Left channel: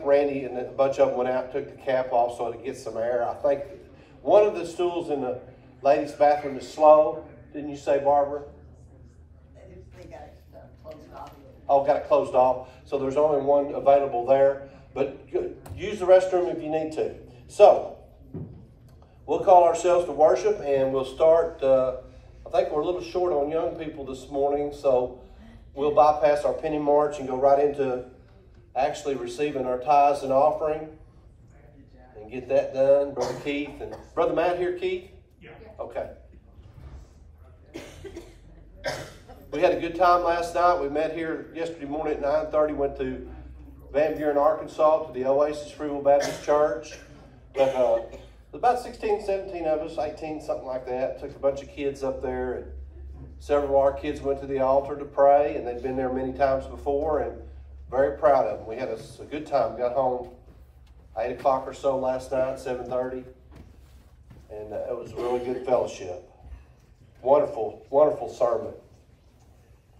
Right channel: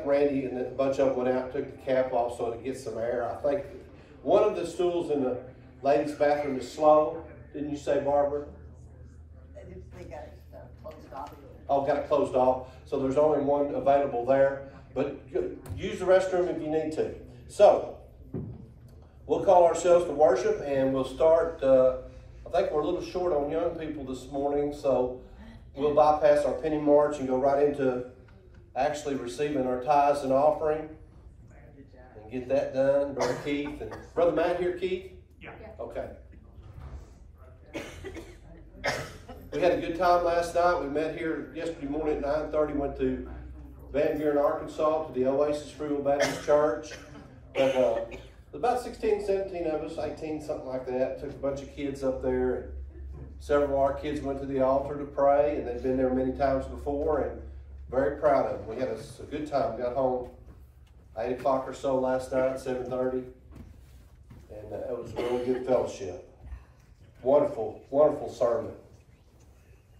Randy and a bunch of them went out and took the cap off so to get some air. I think one of the stools in the ladies' bathroom is slow. Didn't you say, Barbara? They got it closed off. Oh, got it closed off. So there's only one available there. But use the restroom if you need to. So we'll call ourselves to worship and we'll start. I think we're a little short on young people this morning, so we'll bypass our penny march and go right into actually receiving our tithes and offering and get that done. Brother Keith and Brother Matt here, Keith? Yeah. Okay. We had a good time last night. We met here yesterday morning at 9:30, went to Van Buren, Arkansas to the Oasis Free Will Baptist Church. But, about 16, 17 of us, 18, something like that. Took a bunch of kids up there, and several of our kids went to the altar to pray, and they'd been there many times before, and very proud of them. We had a good time. Got home 8 o'clock or so last night, 7:30, and it was a really good fellowship. Wonderful, wonderful sermon.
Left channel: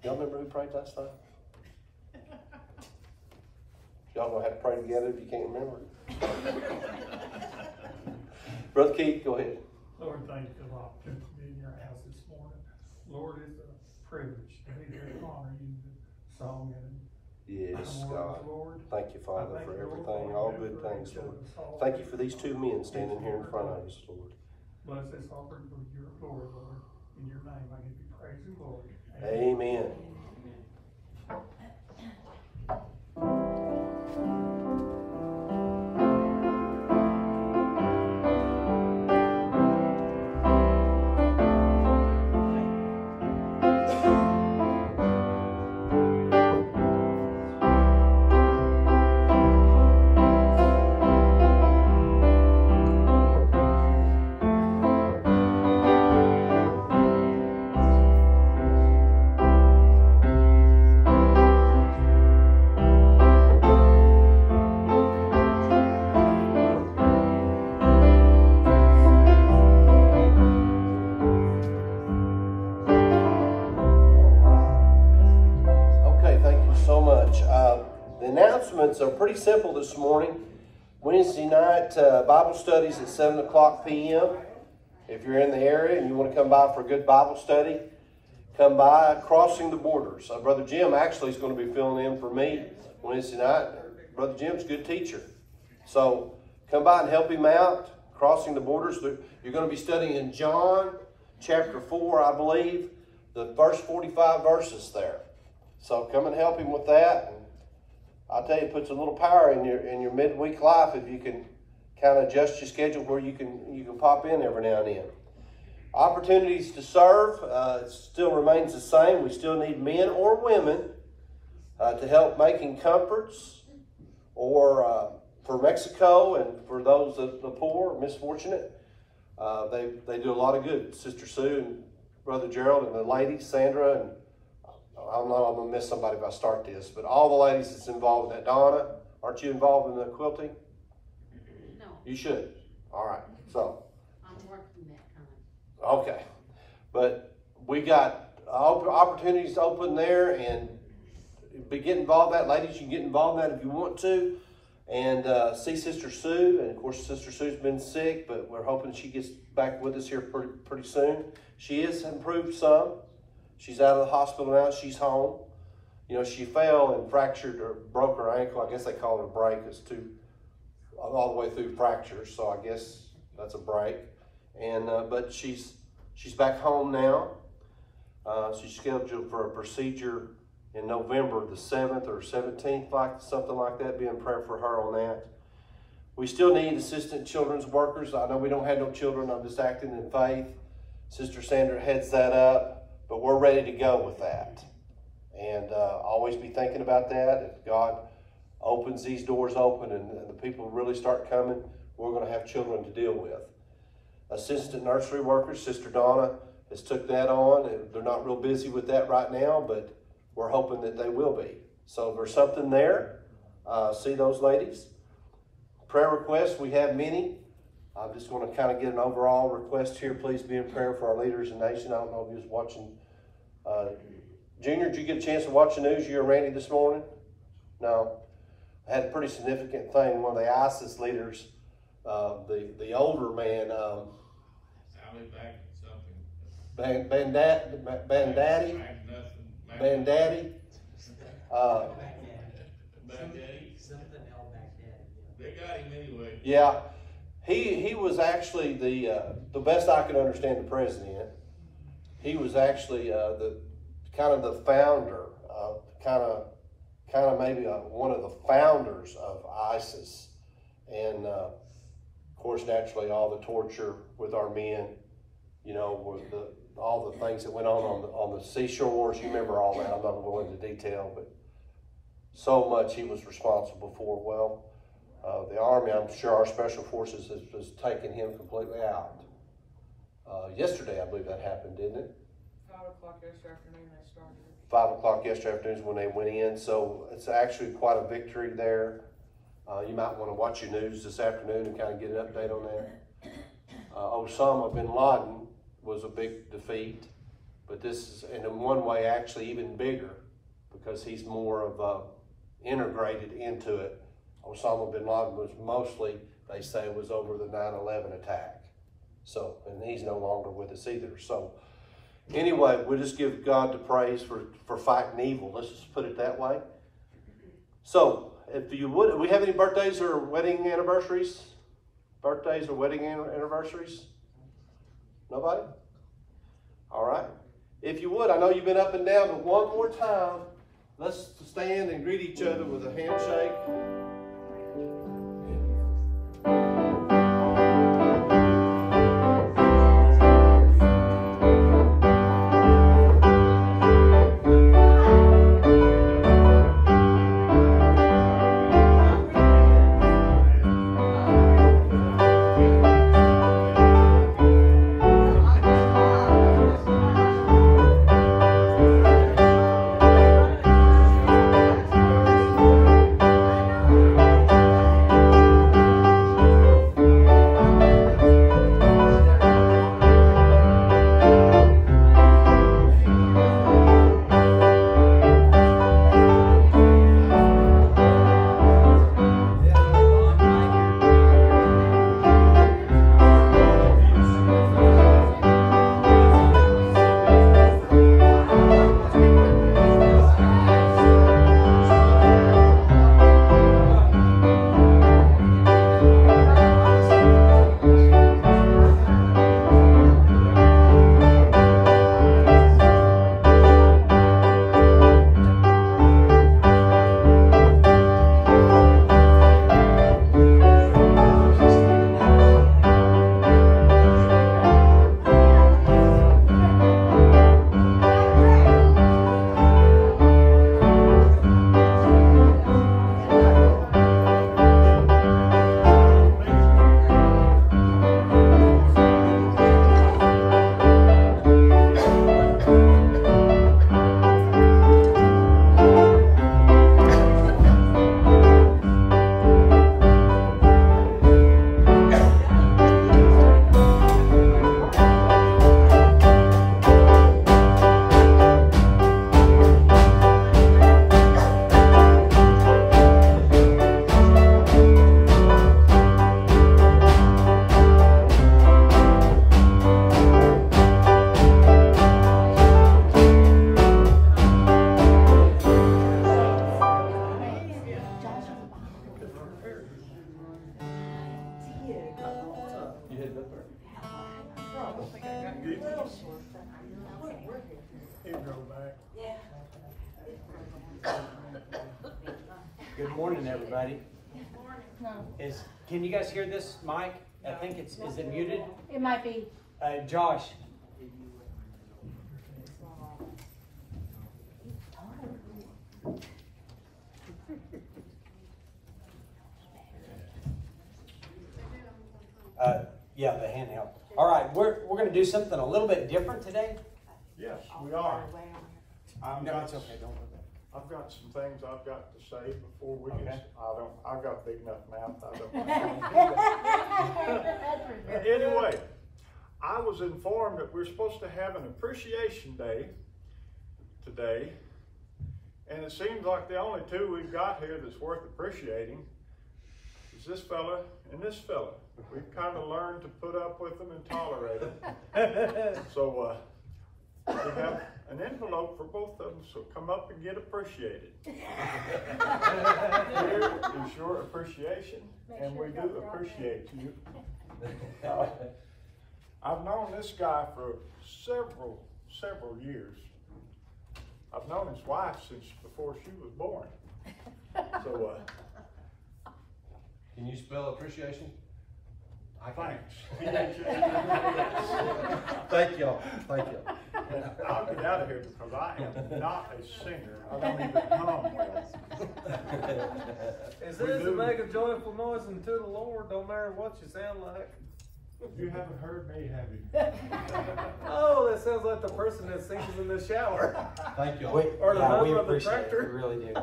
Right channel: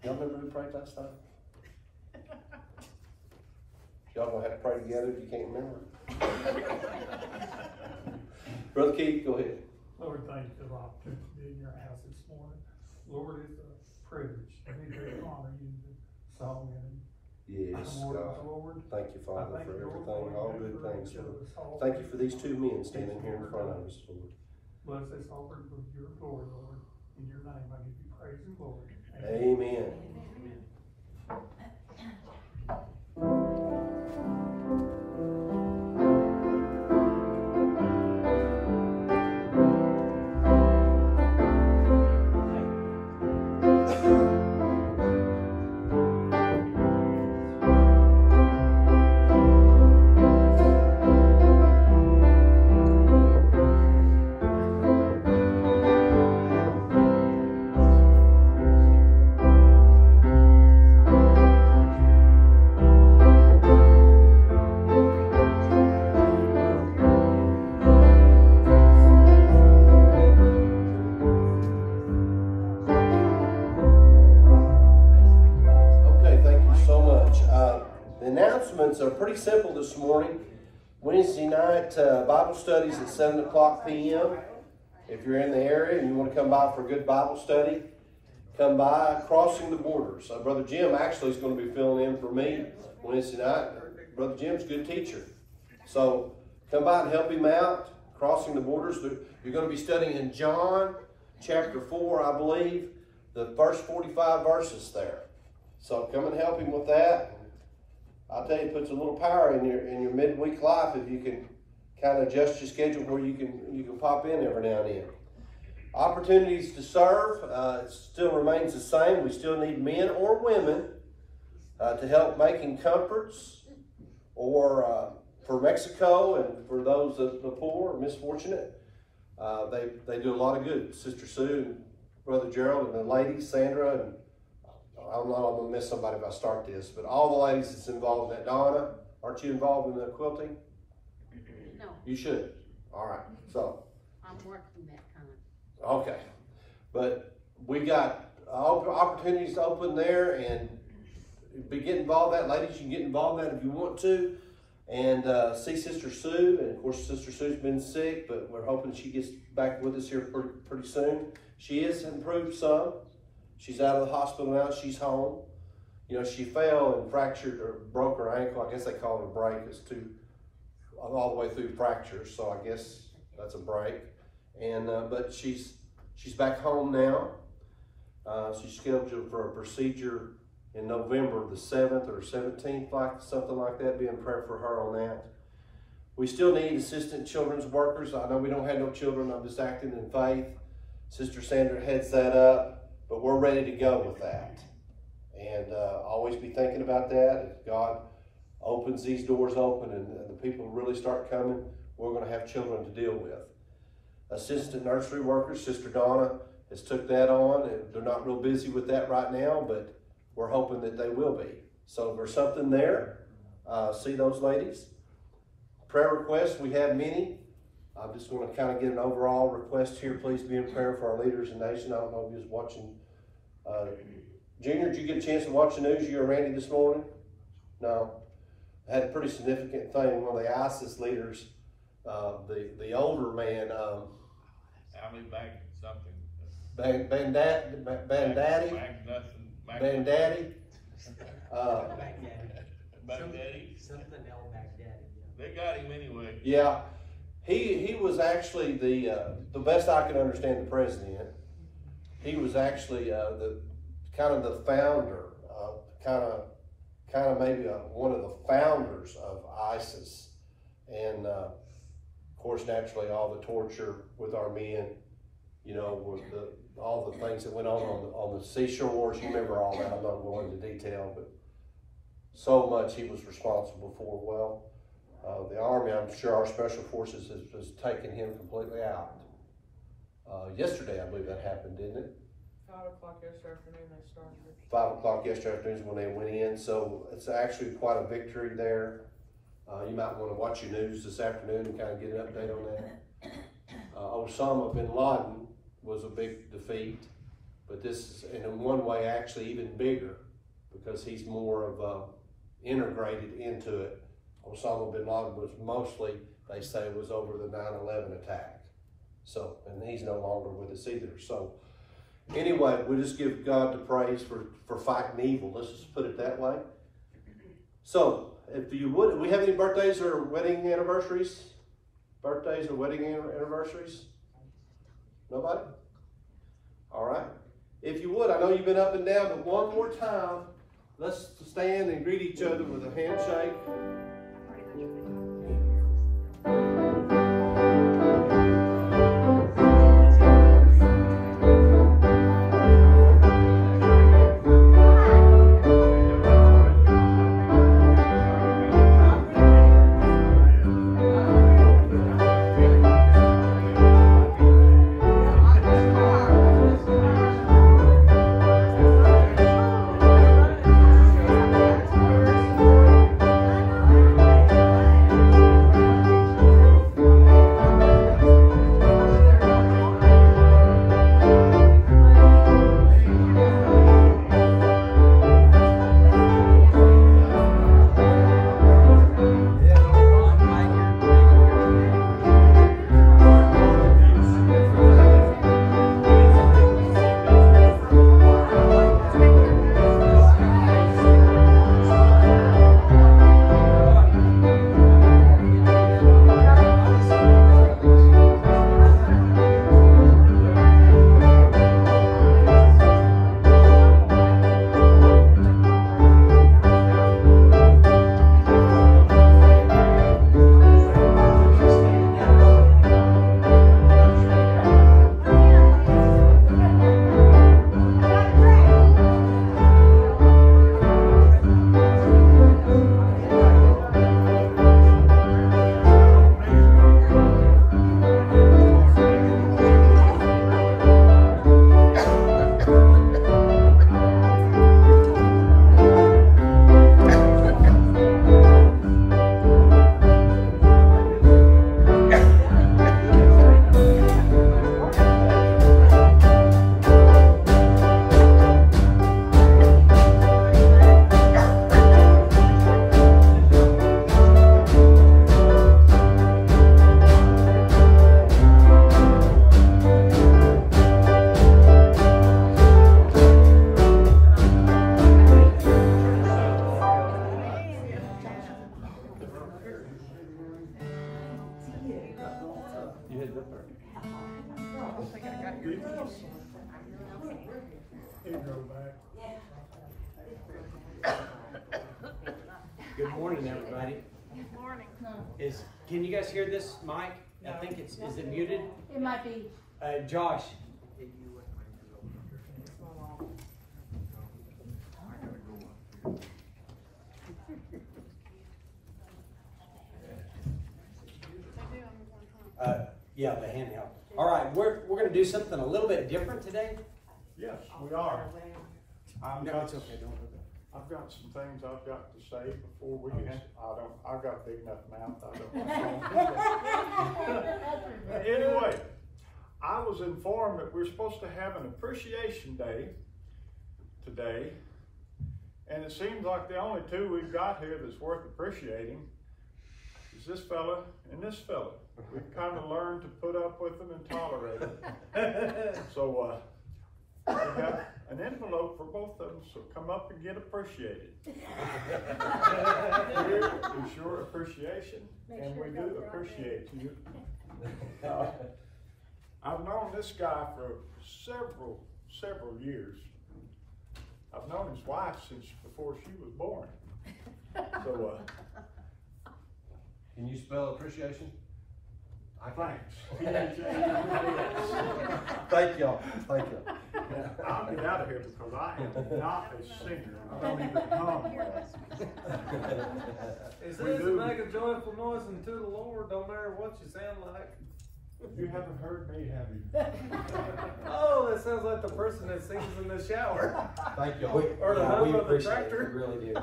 Y'all remember who prayed last night? Y'all gonna have to pray together if you can't remember. Brother Keith, go ahead. Lord, thank you for the opportunity to be in your house this morning. Lord, it's a privilege to be here to honor you in song and Yes, God. Lord. Thank you, Father, for everything, all good things, Lord. Thank you for these two men standing here in front of us, Lord. Bless this offering for your glory, Lord. In your name, I give you praise and glory. Amen. So pretty simple this morning. Wednesday night Bible studies at 7 o'clock p.m. If you're in the area and you want to come by for a good Bible study, come by. Crossing the Borders. Brother Jim actually is going to be filling in for me Wednesday night. Brother Jim's a good teacher. So come by and help him out. Crossing the Borders. You're going to be studying in John chapter 4, I believe. The first 45 verses there. So come and help him with that. I'll tell you, it puts a little power in your midweek life if you can kind of adjust your schedule where you can pop in every now and then. Opportunities to serve it still remains the same. We still need men or women to help making comforts or for Mexico and for those the poor or misfortunate. They do a lot of good. Sister Sue and Brother Gerald and the ladies, Sandra and I'm going to miss somebody if I start this, but all the ladies that's involved in that. Donna, aren't you involved in the quilting? No. You should. All right. So. I'm working that time. Okay. But we got opportunities open there and get involved in that. Ladies, you can get involved in that if you want to. And see Sister Sue. And, of course, Sister Sue's been sick, but we're hoping she gets back with us here pretty soon. She has improved some. She's out of the hospital now. She's home. You know, she fell and fractured or broke her ankle. I guess they call it a break. It's all the way through fractures. So I guess that's a break. And but she's back home now. She's scheduled for a procedure in November the 7th or 17th, something like that. Be in prayer for her on that. We still need assistant children's workers. I know we don't have no children. I'm just acting in faith. Sister Sandra heads that up. But we're ready to go with that. And always be thinking about that. If God opens these doors open and the people really start coming, we're going to have children to deal with. Assistant nursery workers, Sister Donna has took that on. They're not real busy with that right now, but we're hoping that they will be. So if there's something there, see those ladies. Prayer requests, we have many. I'm just going to kind of get an overall request here. Please be in prayer for our leaders and nation. I don't know if you was watching. Junior, did you get a chance to watch the news, you and Randy, this morning? No. had a pretty significant thing. One of the ISIS leaders, the older man, Ali Bag something. Bandaddy. Baghdadi. Something Al Baghdadi. They got him anyway. Yeah, he was actually the best I can understand the president. He was actually the kind of the founder, kind of maybe one of the founders of ISIS, and of course naturally all the torture with our men, you know, with all the things that went on the seashores. You remember all that. I'm not going into detail, but so much he was responsible for. Well, the Army, I'm sure our Special Forces has taken him completely out. Yesterday, I believe that happened, didn't it? 5 o'clock yesterday afternoon they started it. 5 o'clock yesterday afternoon is when they went in, so it's actually quite a victory there. You might want to watch your news this afternoon and kind of get an update on that. Osama bin Laden was a big defeat, but this is, and in one way, actually even bigger because he's more of integrated into it. Osama bin Laden was mostly, they say, was over the 9/11 attack. So, and he's no longer with us either. So, anyway, we'll just give God the praise for fighting evil. Let's just put it that way. So, if you would, we have any birthdays or wedding anniversaries? Birthdays or wedding anniversaries? Nobody? All right. If you would, I know you've been up and down, but one more time, let's stand and greet each other with a handshake. Good morning, everybody. Good morning. Can you guys hear this mic? I think is it muted? It might be. Josh. Yeah, the handheld. All right, we're going to do something a little bit different today. Yes, we are. No, it's okay. Don't do that. I've got some things I've got to say before we Okay. get. I've got a big enough mouth. I don't. Anyway, I was informed that we're supposed to have an appreciation day today, And it seems like the only two we've got here that's worth appreciating is this fella and this fella. We've kind of learned to put up with them and tolerate them. So we have an envelope for both of them, so come up and get appreciated. Here is your appreciation, and we do appreciate you. I've known this guy for several years. I've known his wife since before she was born. So, Can you spell appreciation? I can. thanks. Thank y'all. Thank y'all. I'll get out of here because I am not a singer. I don't even hum well. It says to make a joyful noise unto the Lord, no matter what you sound like. You haven't heard me, have you? Oh, that sounds like the person that sings in the shower. Thank y'all. Or the Yeah, number we of the appreciate tractor. it, we really do.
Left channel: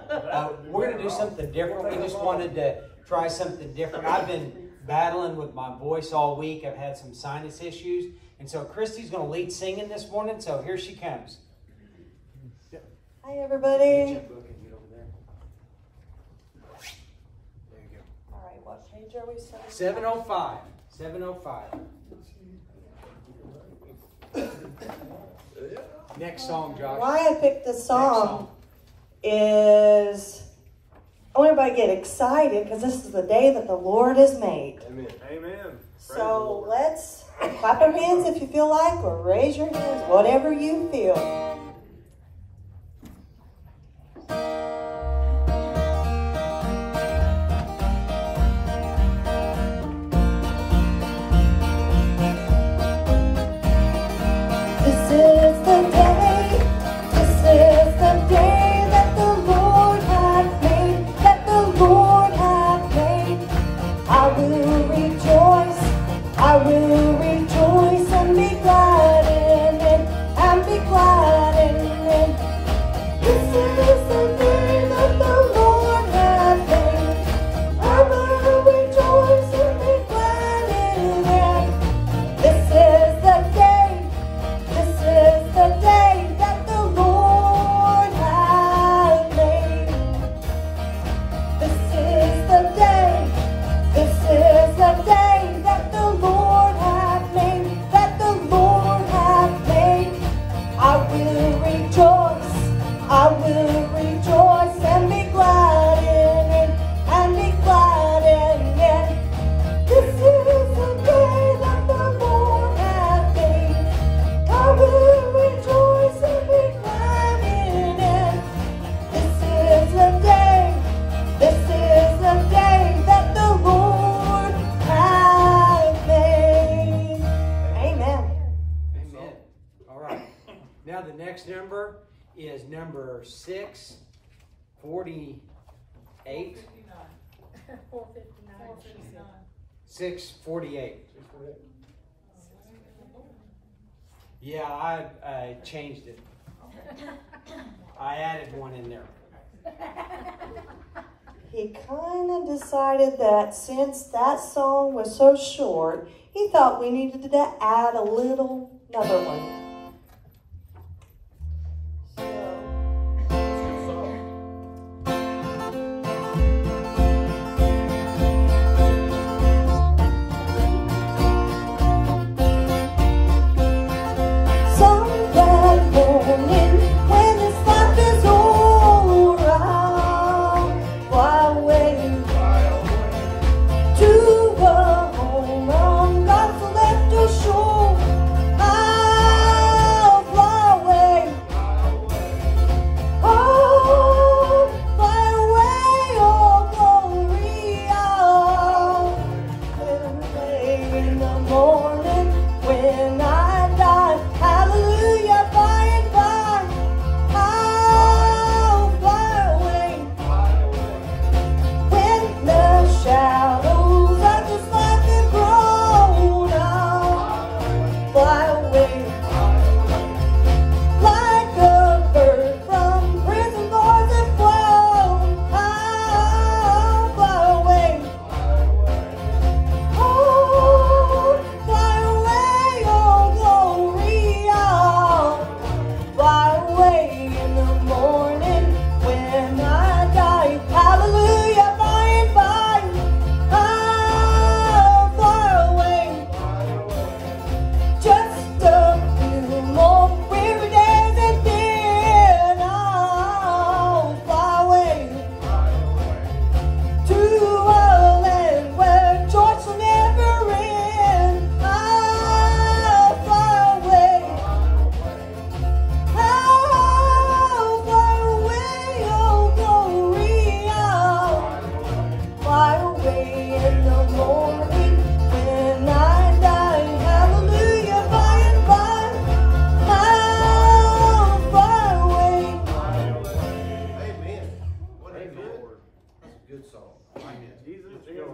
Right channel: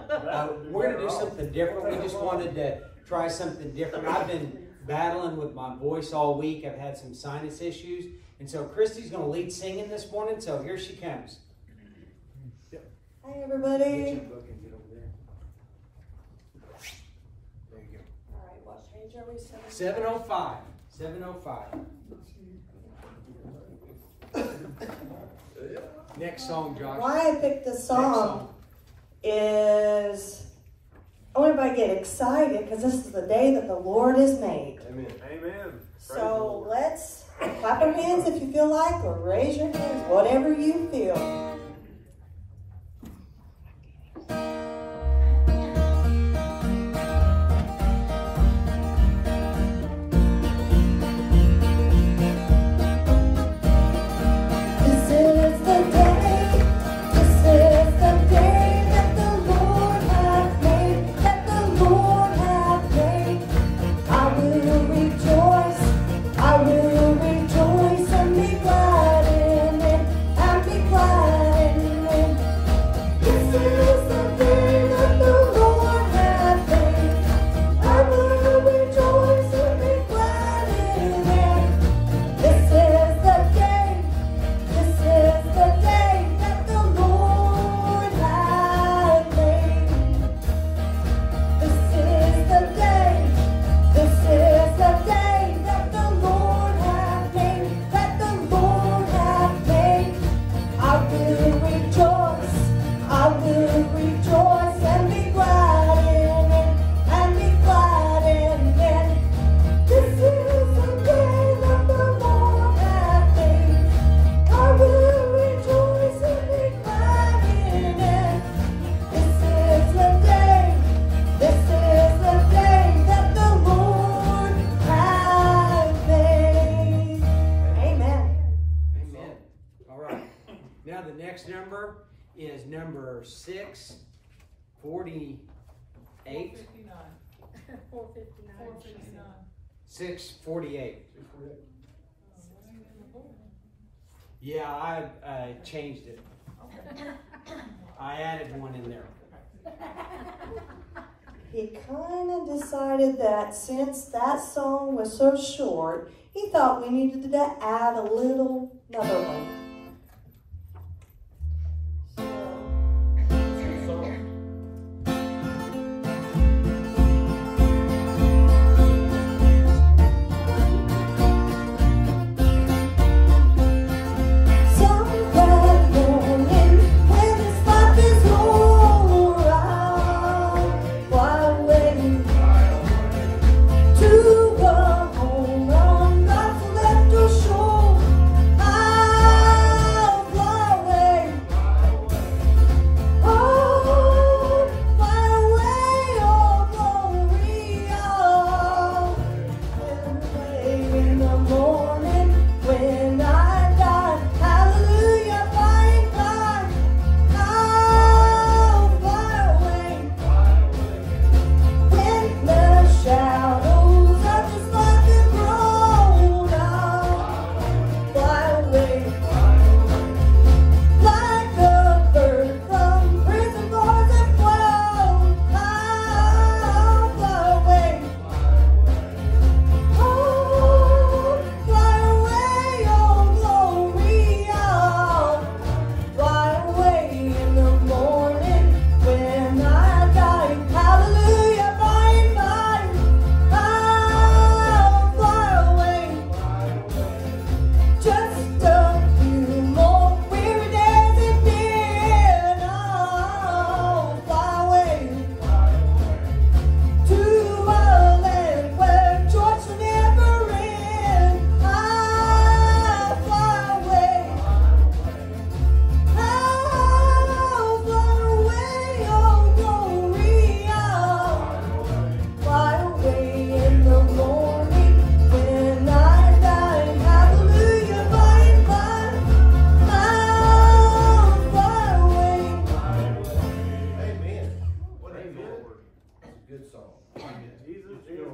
We're gonna do something different. We just wanted to try something different. I've been battling with my voice all week. I've had some sinus issues. And so Christy's gonna lead singing this morning, so here she comes. Hi, Get everybody. your book and get over there. There you go. All right, what page are we? 705. 705. Next song, Josh. Why I picked this Next song is I want everybody to get excited because this is the day that the Lord has made. Amen. Amen. So let's clap our hands if you feel like, or raise your hands, whatever you feel. Number is number 648. 648. Yeah, I changed it. I added one in there. He kind of decided that since that song was so short, he thought we needed to add another one. Shore, I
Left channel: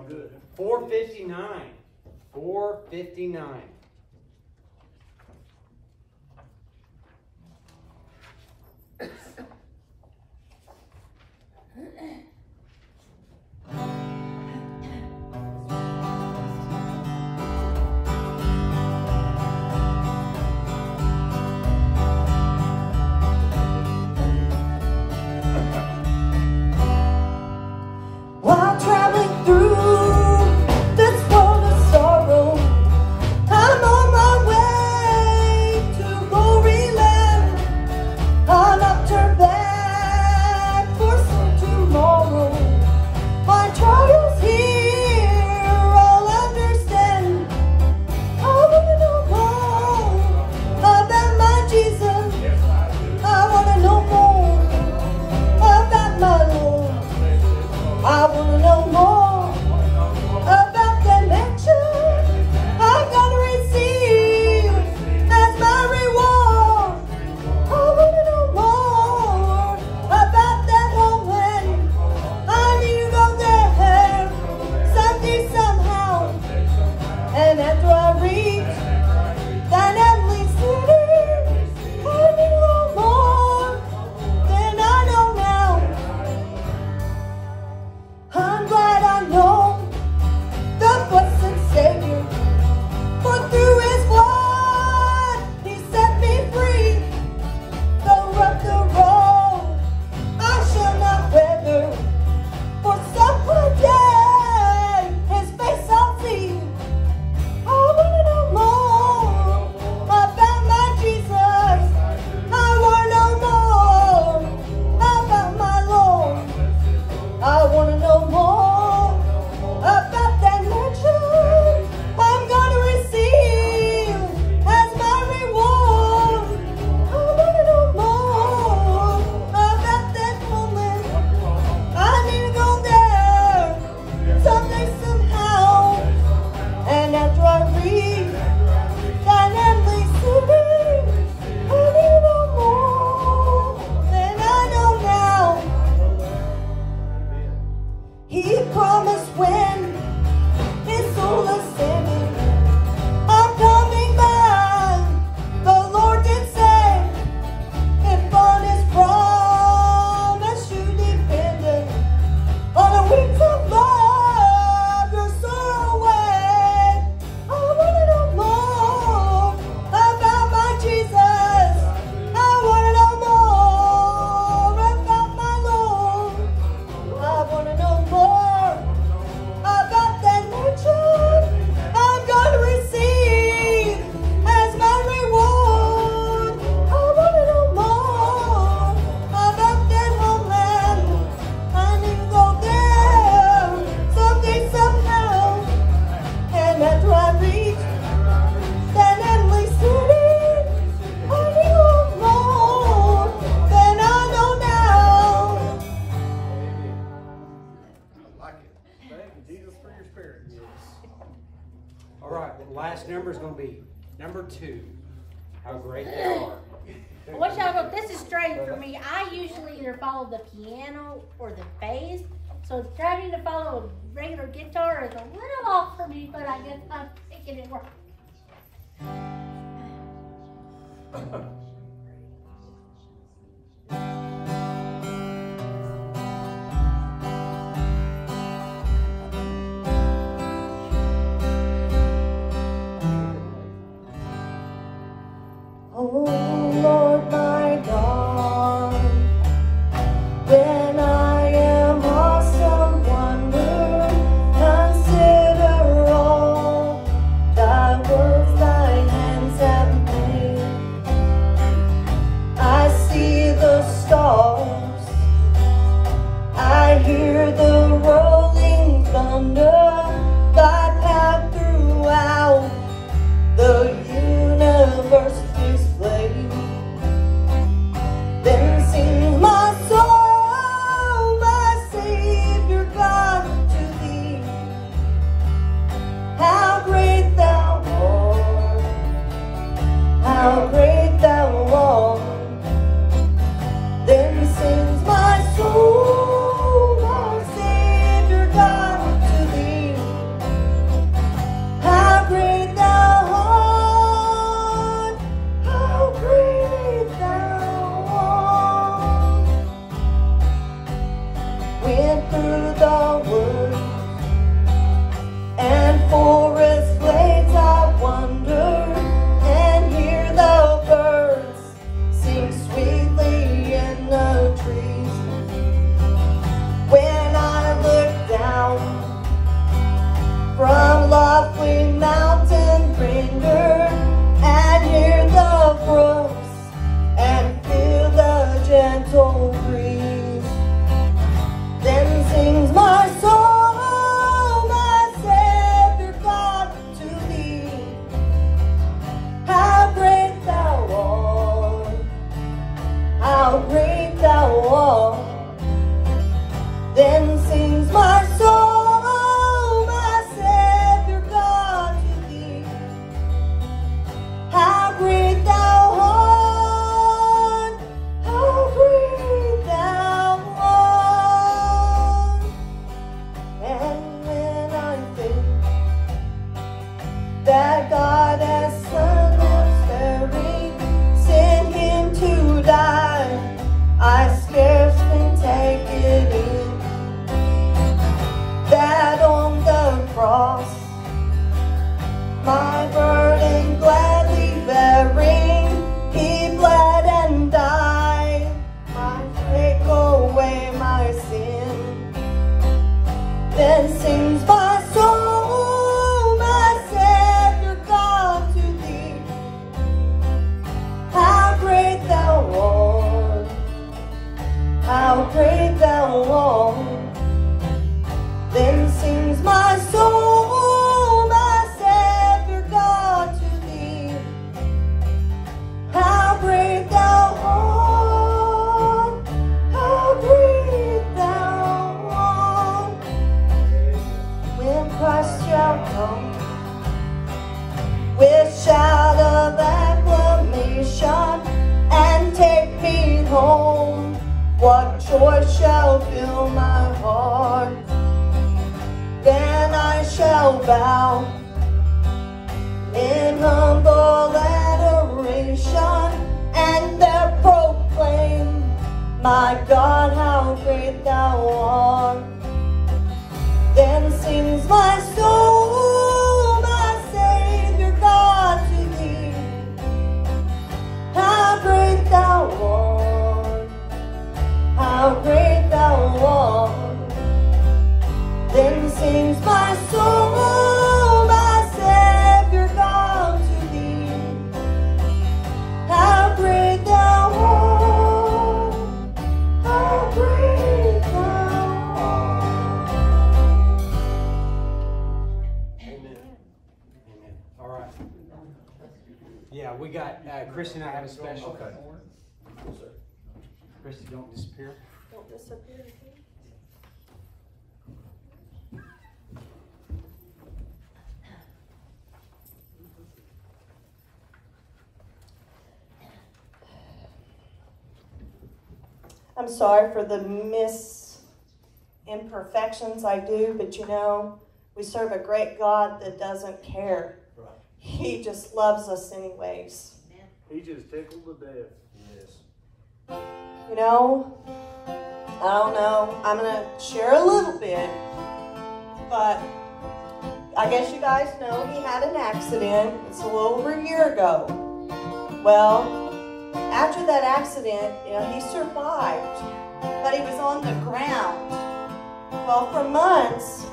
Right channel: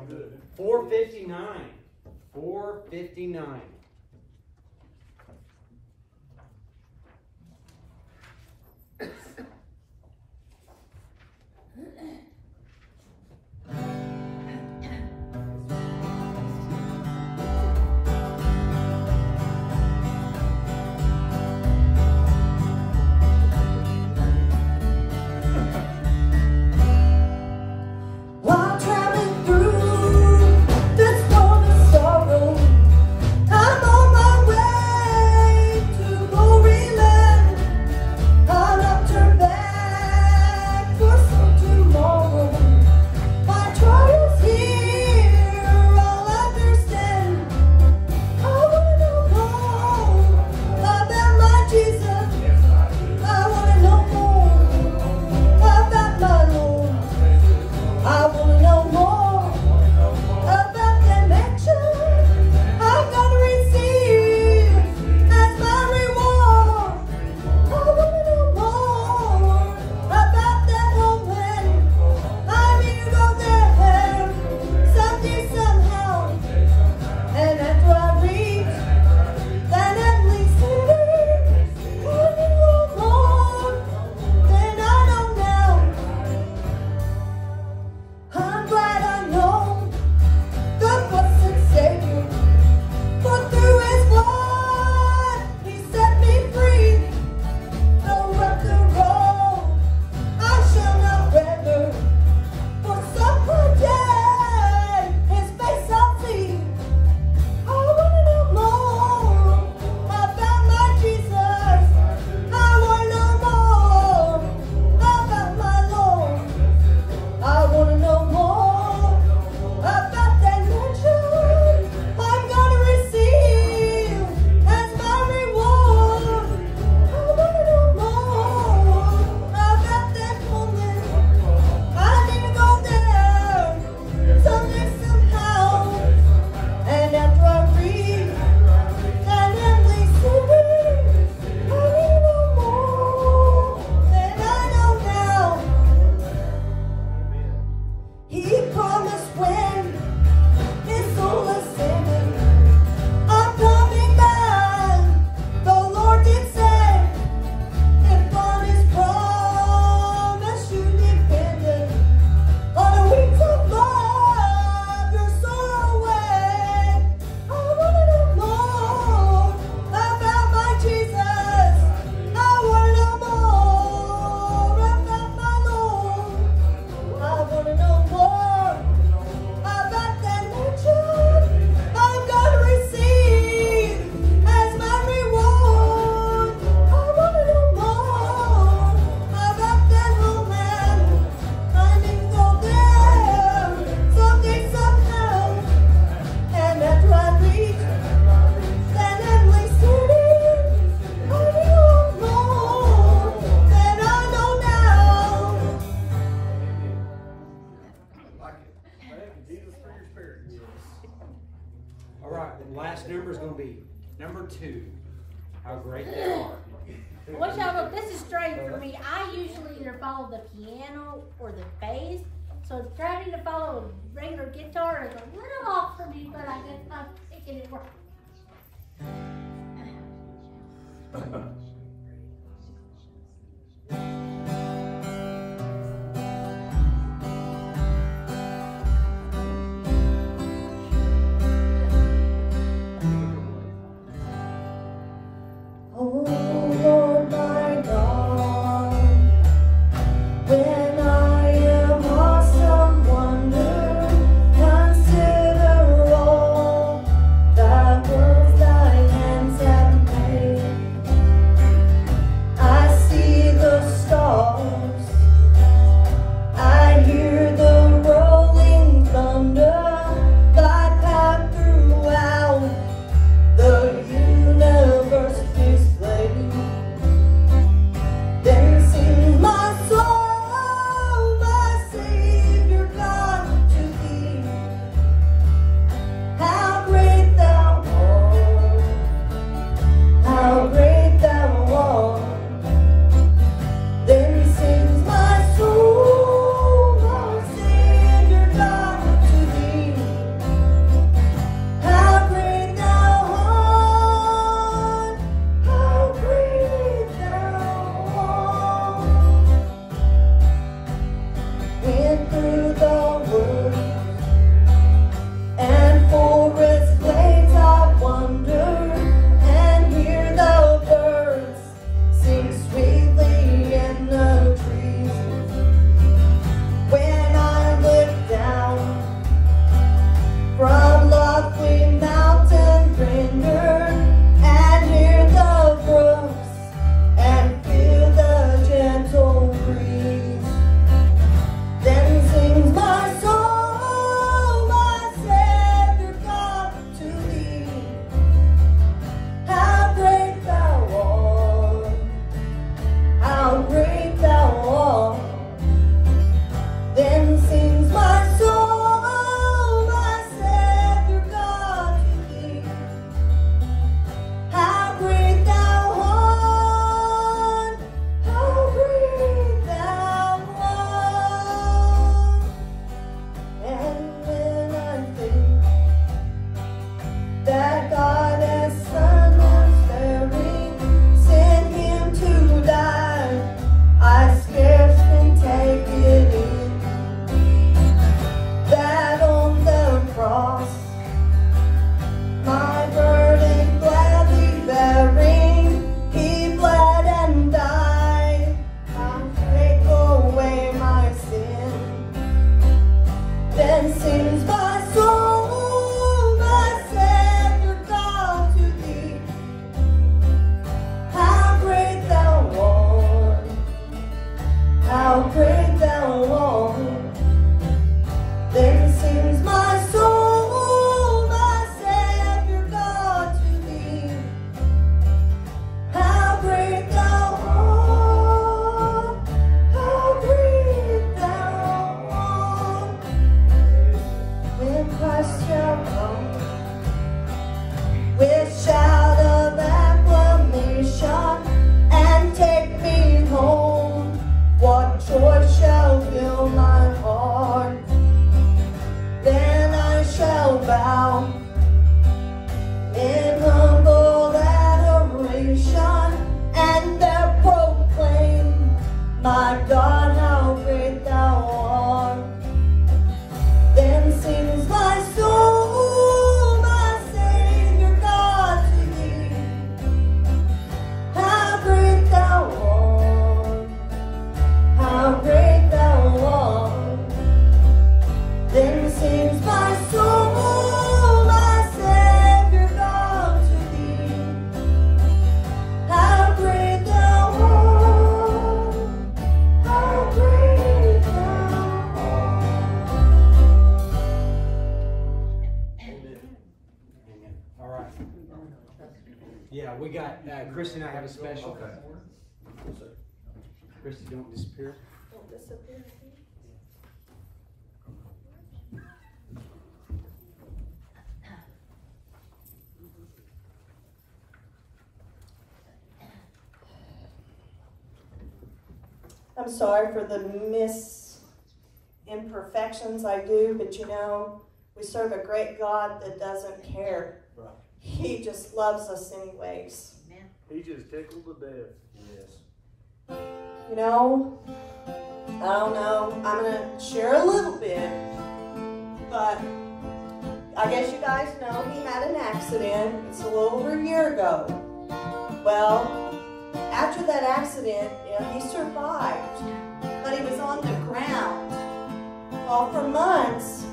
good. 459. 459. While traveling through this world of sorrow, I'm on my way to glory land. I'll not turn back for some tomorrow. My trials here I'll understand. I wanna know more about my Jesus. I wanna know more about my Lord. I wanna know more about the mansion I'm gonna receive as my reward. I wanna know more about that homeland. I need to go there someday, somehow. And after I reach that heavenly city, I need to know more than I know now. I'm glad I know the blessed Savior, for through His blood He set me free. Though rough the road, I shall not weather, for some day His face I'll see. I wanna know more about my Jesus. I wanna know more about my Lord. I wanna know more about that mansion I'm gonna receive as my reward. I wanna know more about that moment. I need to go there someday, somehow. And after I reach that heavenly city, I need to know more than I know now. He promised when His soul ascended, I'm coming back. The Lord did say, if on His promise you depended, on the wings of love you'll soar away. I wanna know more about my Jesus. I wanna know more about my Lord. I wanna know more about that mansion I'm gonna receive as my reward. I wanna know more about that homeland. I need to go there someday, somehow. And after I reach that heavenly city, I need to know more than I know now. Thank you, Jesus, for your spirit. All right, the last number is going to be number 2. How great they are. Watch out, look, this is strange for me. I usually either follow the piano or the bass. So trying to follow a regular guitar is a little off for me, but I guess I'm making it work. Oh Lord my God, when I am lost of wonder, consider all thy works thy hands have made. my struggle with shout of acclamation and take me home. What joy shall fill my heart? Then I shall bow in humble adoration and there proclaim, my God, how great thou art. Then sings my soul, my Savior God, to thee. How great thou art, how great thou art. Then sings my soul, my Savior God, to thee. How great thou art, how great thou art. Amen. Amen. All right. Yeah, we got, Christy and I have a special. Okay. Christy, don't disappear. Don't disappear. I'm sorry for the imperfections I do, but you know, we serve a great God that doesn't care. Right. He just loves us anyways. He just tickled to death. Yes. You know, I don't know, I'm going to share a little bit, but I guess you guys know he had an accident. It's a little over a year ago. Well, after that accident, you know, he survived, but he was on the ground. Well, for months,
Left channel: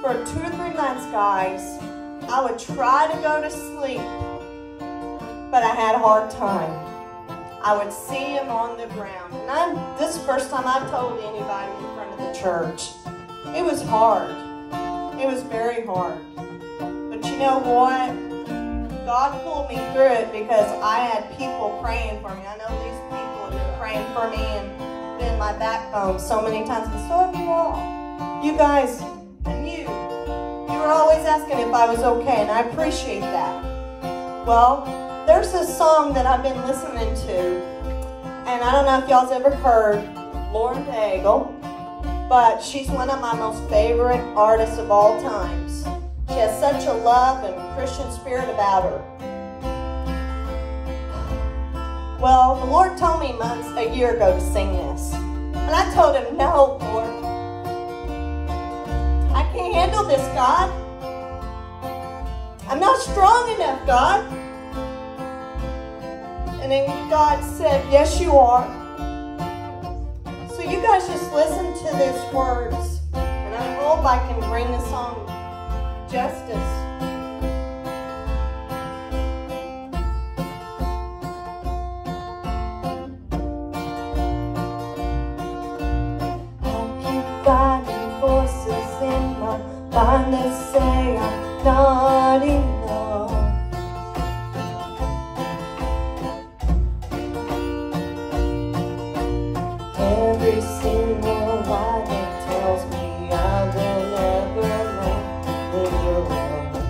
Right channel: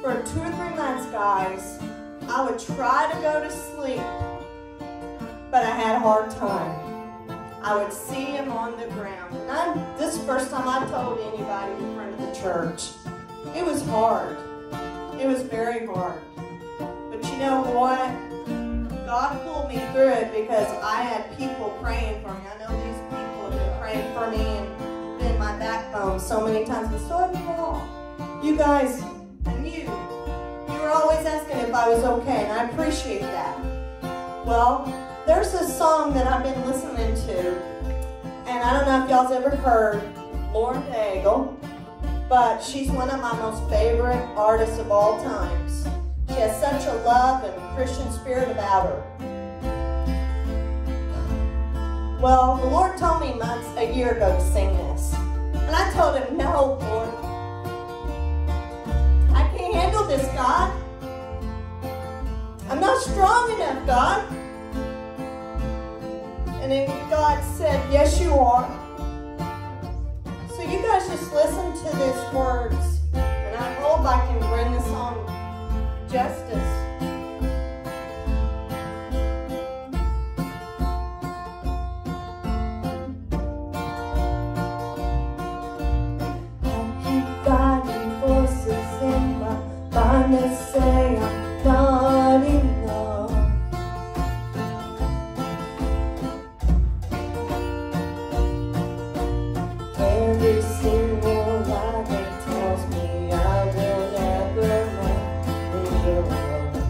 for 2 or 3 months, guys, I would try to go to sleep, but I had a hard time. I would see him on the ground. And this is the first time I've told anybody in front of the church. It was hard. It was very hard. But you know what? God pulled me through it because I had people praying for me. I know these people have been praying for me and been my backbone so many times, but so have you all. You guys, and you were always asking if I was okay, and I appreciate that. Well, there's this song that I've been listening to, and I don't know if y'all's ever heard Lauren Daigle, but she's one of my most favorite artists of all times. She has such a love and Christian spirit about her. Well, the Lord told me a year ago to sing this. And I told him, no, Lord. I can't handle this, God. I'm not strong enough, God. And then God said, yes, you are. So you guys just listen to these words. And I hope I can bring this song justice. I keep finding voices in my mind that say I'm not enough. Every single lie that tells me I will never know your love.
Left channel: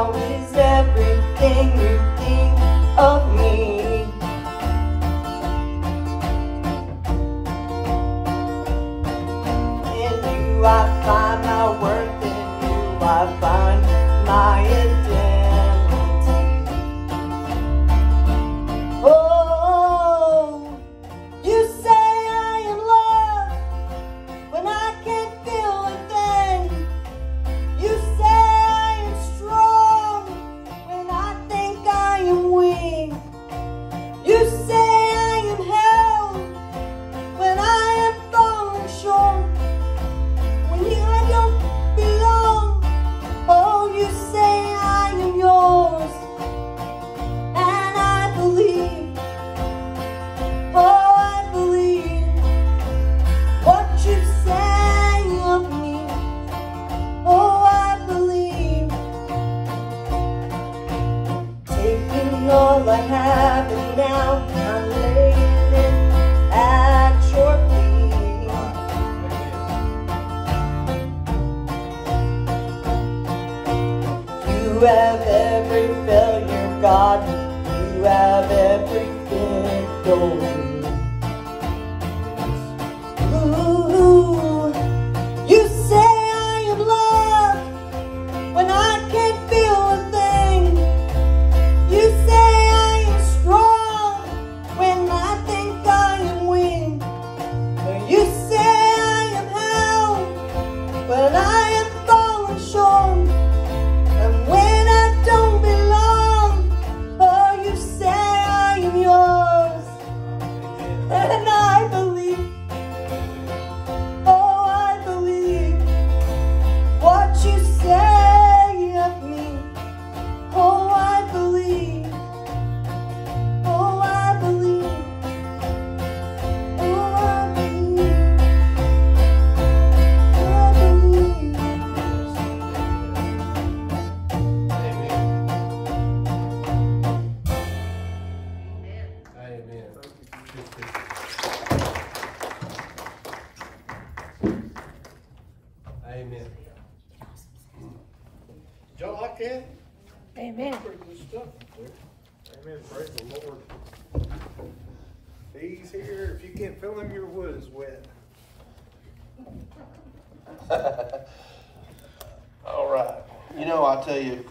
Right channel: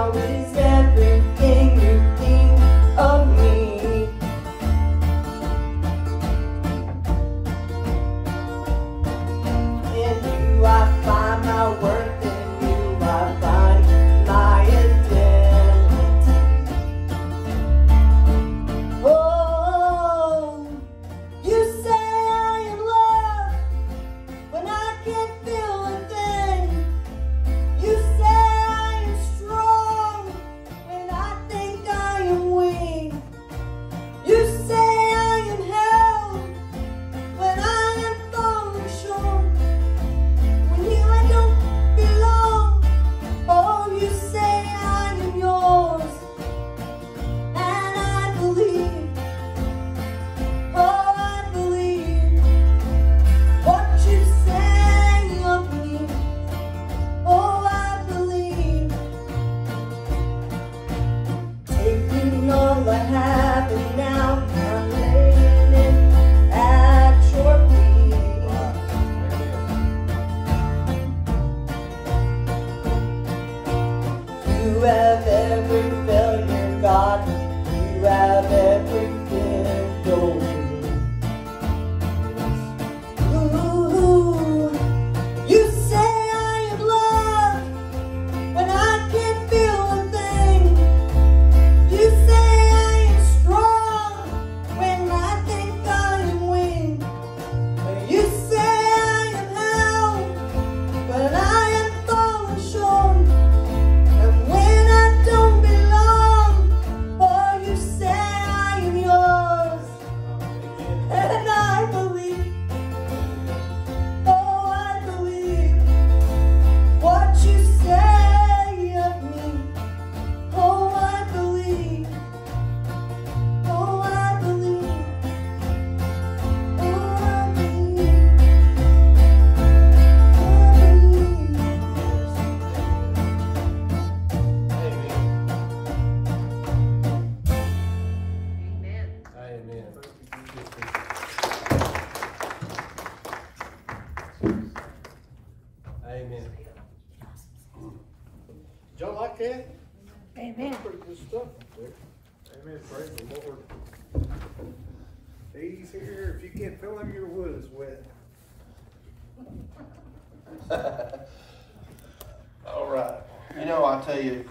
How is everything you think of me? In you I find my worth, in you I find my identity. Oh, you say I am loved when I can't feel a thing. You say I am strong when I think I am weak. You say I am held when I am falling short. When here I don't belong. Oh, you say I am yours, and I believe. Oh, I believe what you say of me. Oh, I believe. Taking all I have and now I'm laying it at your feet. You have every failure, God. You have every victory. Ooh, you say I am loved when I can't feel a thing. You say I am strong when I think I am weak. You say I am held when I am falling short. And when I don't belong, oh, you say I am yours. And I believe. Oh, I believe what you say of me. Oh, I believe. Oh, I believe. Oh, I believe. I believe. Amen. Amen. Did y'all like that? Amen. Pretty good stuff there. Amen. Praise the Lord. He's here. If you can't feel him, your wood is wet. All right. You know, I tell you,